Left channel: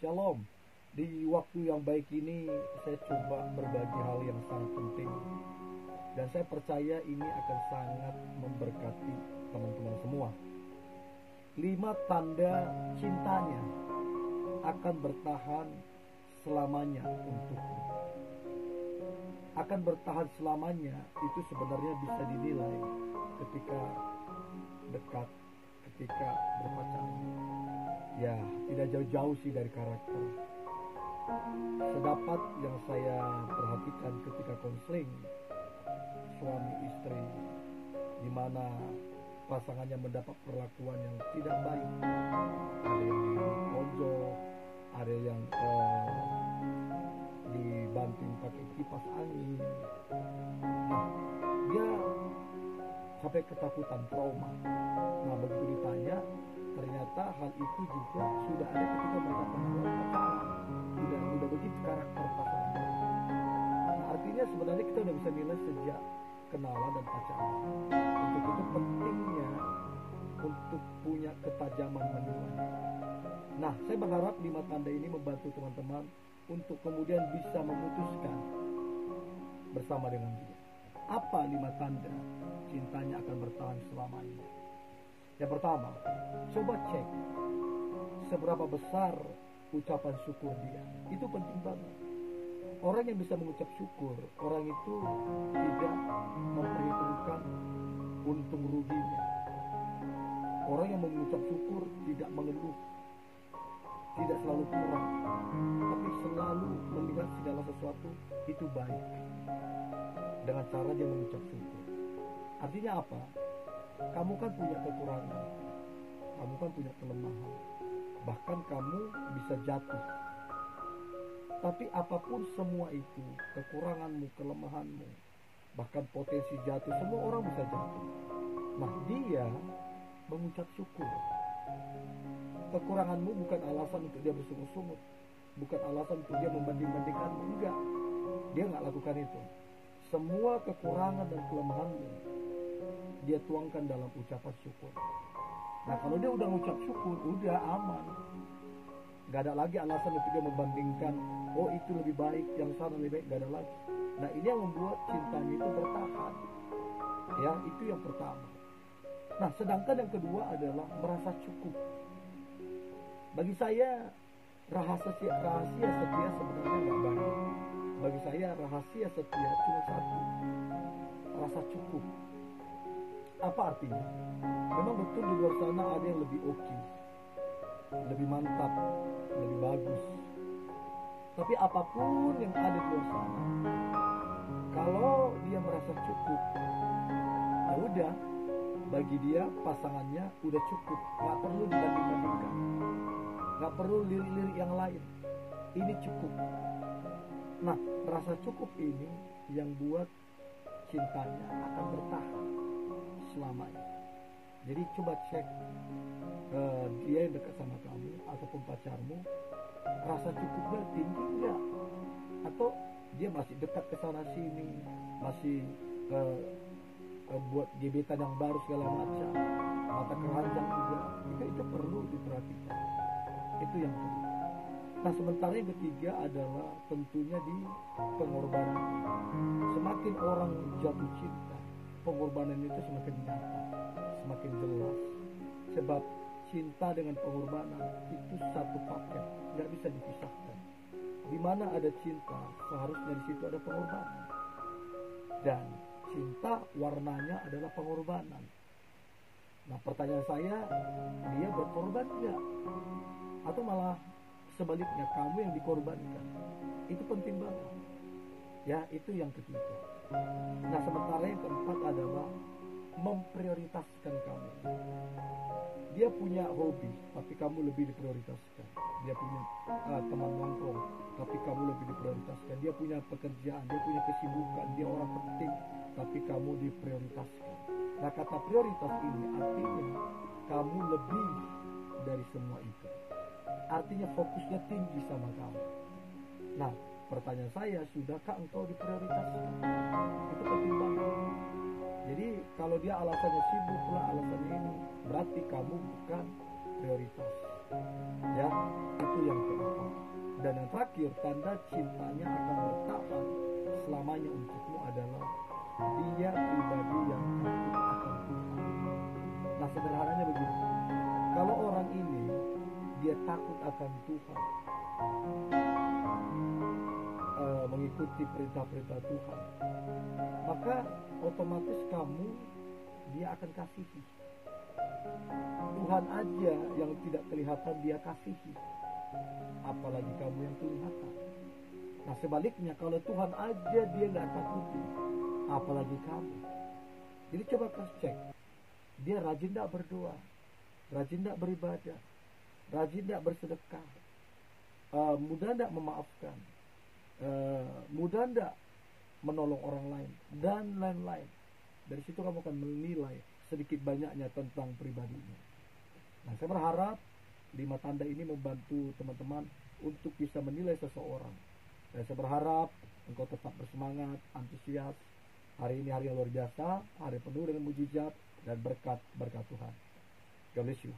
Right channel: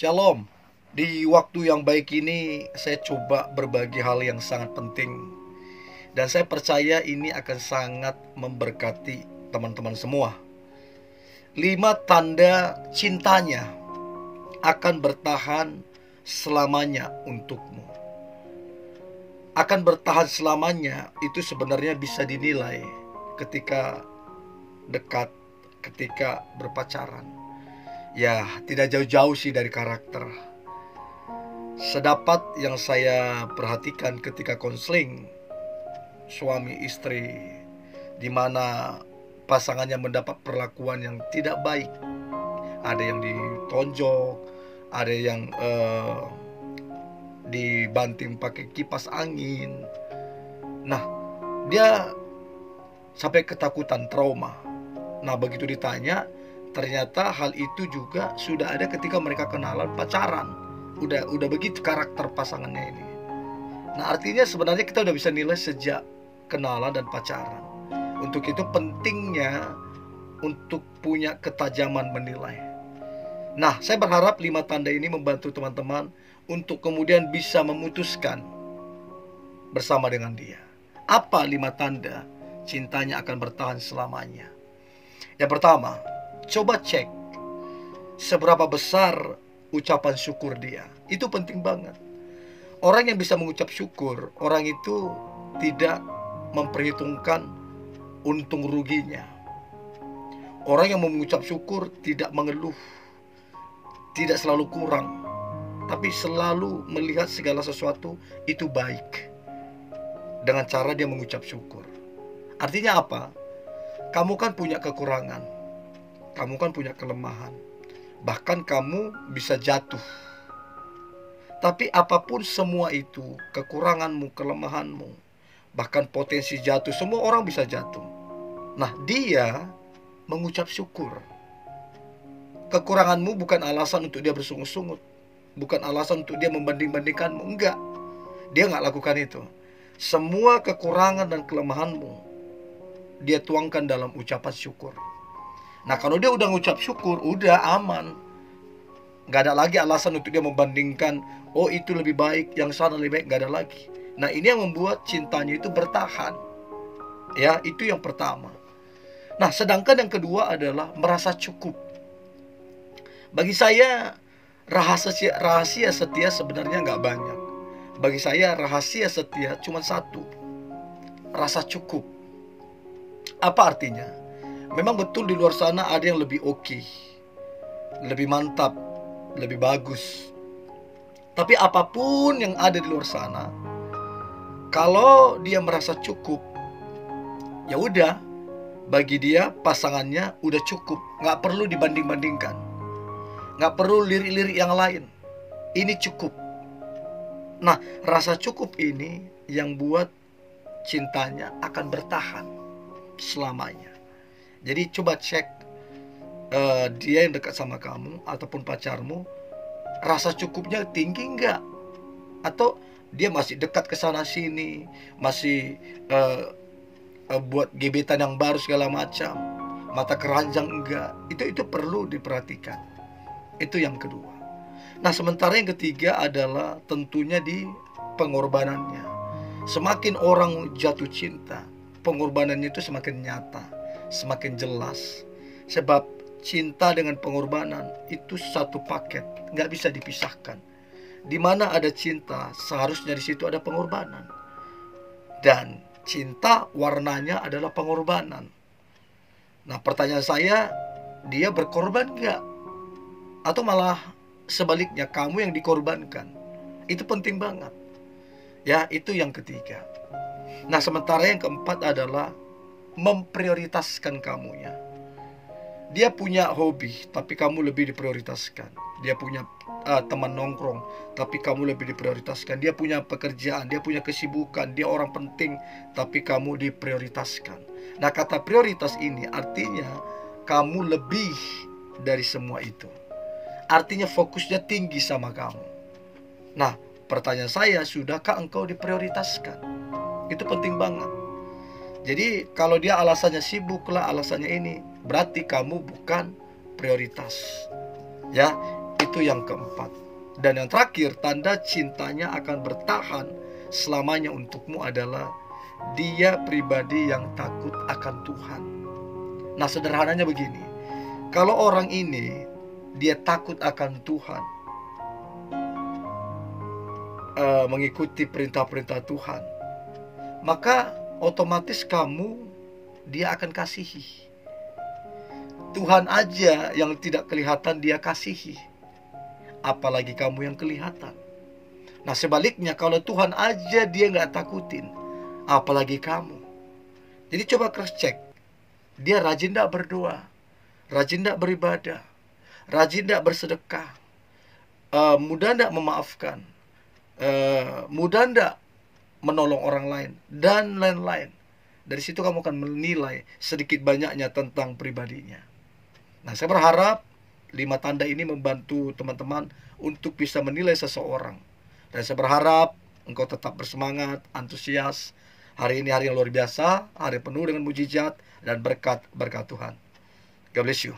Shalom. Di waktu yang baik ini saya coba berbagi hal yang sangat penting. Dan saya percaya ini akan sangat memberkati teman-teman semua. 5 tanda cintanya akan bertahan selamanya untukmu. Akan bertahan selamanya itu sebenarnya bisa dinilai ketika dekat, ketika berpacaran. Ya, tidak jauh-jauh sih dari karakter. Sedapat yang saya perhatikan ketika konseling suami istri, di mana pasangannya mendapat perlakuan yang tidak baik. Ada yang ditonjok, ada yang dibanting pakai kipas angin. Nah, dia sampai ketakutan, trauma. Nah, begitu ditanya, ternyata hal itu juga sudah ada ketika mereka kenalan pacaran. Udah begitu karakter pasangannya ini. Nah, artinya sebenarnya kita udah bisa nilai sejak kenalan dan pacaran. Untuk itu pentingnya untuk punya ketajaman menilai. Nah, saya berharap 5 tanda ini membantu teman-teman untuk kemudian bisa memutuskan bersama dengan dia. Apa 5 tanda cintanya akan bertahan selamanya? Yang pertama, coba cek seberapa besar ucapan syukur dia. Itu penting banget. Orang yang bisa mengucap syukur, orang itu tidak memperhitungkan untung ruginya. Orang yang mengucap syukur tidak mengeluh, tidak selalu kurang, tapi selalu melihat segala sesuatu itu baik dengan cara dia mengucap syukur. Artinya apa? Kamu kan punya kekurangan, kamu kan punya kelemahan, bahkan kamu bisa jatuh. Tapi apapun semua itu, kekuranganmu, kelemahanmu, bahkan potensi jatuh, semua orang bisa jatuh. Nah, dia mengucap syukur. Kekuranganmu bukan alasan untuk dia bersungut-sungut, bukan alasan untuk dia membanding-bandingkanmu. Enggak, dia nggak lakukan itu. Semua kekurangan dan kelemahanmu dia tuangkan dalam ucapan syukur. Nah, kalau dia udah ngucap syukur, udah aman. Nggak ada lagi alasan untuk dia membandingkan, oh itu lebih baik, yang sana lebih baik, nggak ada lagi. Nah, ini yang membuat cintanya itu bertahan. Ya, itu yang pertama. Nah, sedangkan yang kedua adalah merasa cukup. Bagi saya, rahasia setia sebenarnya nggak banyak. Bagi saya, rahasia setia cuma satu: rasa cukup. Apa artinya? Memang betul di luar sana ada yang lebih oke, lebih mantap, lebih bagus. Tapi apapun yang ada di luar sana, kalau dia merasa cukup, ya udah, bagi dia pasangannya udah cukup, nggak perlu dibanding-bandingkan, nggak perlu lirik-lirik yang lain. Ini cukup. Nah, rasa cukup ini yang buat cintanya akan bertahan selamanya. Jadi coba cek dia yang dekat sama kamu ataupun pacarmu, rasa cukupnya tinggi enggak? Atau dia masih dekat ke sana sini, masih buat gebetan yang baru segala macam, mata keranjang enggak? Itu perlu diperhatikan. Itu yang kedua. Nah, sementara yang ketiga adalah tentunya di pengorbanannya. Semakin orang jatuh cinta, pengorbanannya itu semakin nyata, semakin jelas. Sebab cinta dengan pengorbanan itu satu paket, nggak bisa dipisahkan. Di mana ada cinta, seharusnya di situ ada pengorbanan. Dan cinta warnanya adalah pengorbanan. Nah, pertanyaan saya, dia berkorban nggak? Atau malah sebaliknya, kamu yang dikorbankan? Itu penting banget. Ya, itu yang ketiga. Nah, sementara yang keempat adalah memprioritaskan kamunya. Dia punya hobi, tapi kamu lebih diprioritaskan. Dia punya teman nongkrong, tapi kamu lebih diprioritaskan. Dia punya pekerjaan, dia punya kesibukan, dia orang penting, tapi kamu diprioritaskan. Nah, kata prioritas ini artinya kamu lebih dari semua itu. Artinya fokusnya tinggi sama kamu. Nah, pertanyaan saya, sudahkah engkau diprioritaskan? Itu penting banget. Jadi kalau dia alasannya sibuk lah, alasannya ini, berarti kamu bukan prioritas. Ya, Itu yang keempat. Dan yang terakhir, tanda cintanya akan bertahan selamanya untukmu adalah dia pribadi yang takut akan Tuhan. Nah, sederhananya begini. Kalau orang ini dia takut akan Tuhan, mengikuti perintah-perintah Tuhan, maka otomatis kamu dia akan kasihi. Tuhan aja yang tidak kelihatan dia kasihi, apalagi kamu yang kelihatan. Nah, sebaliknya kalau Tuhan aja dia nggak takutin, apalagi kamu. Jadi coba cross check. Dia rajin nggak berdoa, rajin nggak beribadah, rajin nggak bersedekah, mudah nggak memaafkan, mudah nggak menolong orang lain, dan lain-lain. Dari situ kamu akan menilai sedikit banyaknya tentang pribadinya. Nah, saya berharap 5 tanda ini membantu teman-teman untuk bisa menilai seseorang. Dan saya berharap engkau tetap bersemangat, antusias. Hari ini hari yang luar biasa, hari penuh dengan mujizat dan berkat Tuhan. God bless you.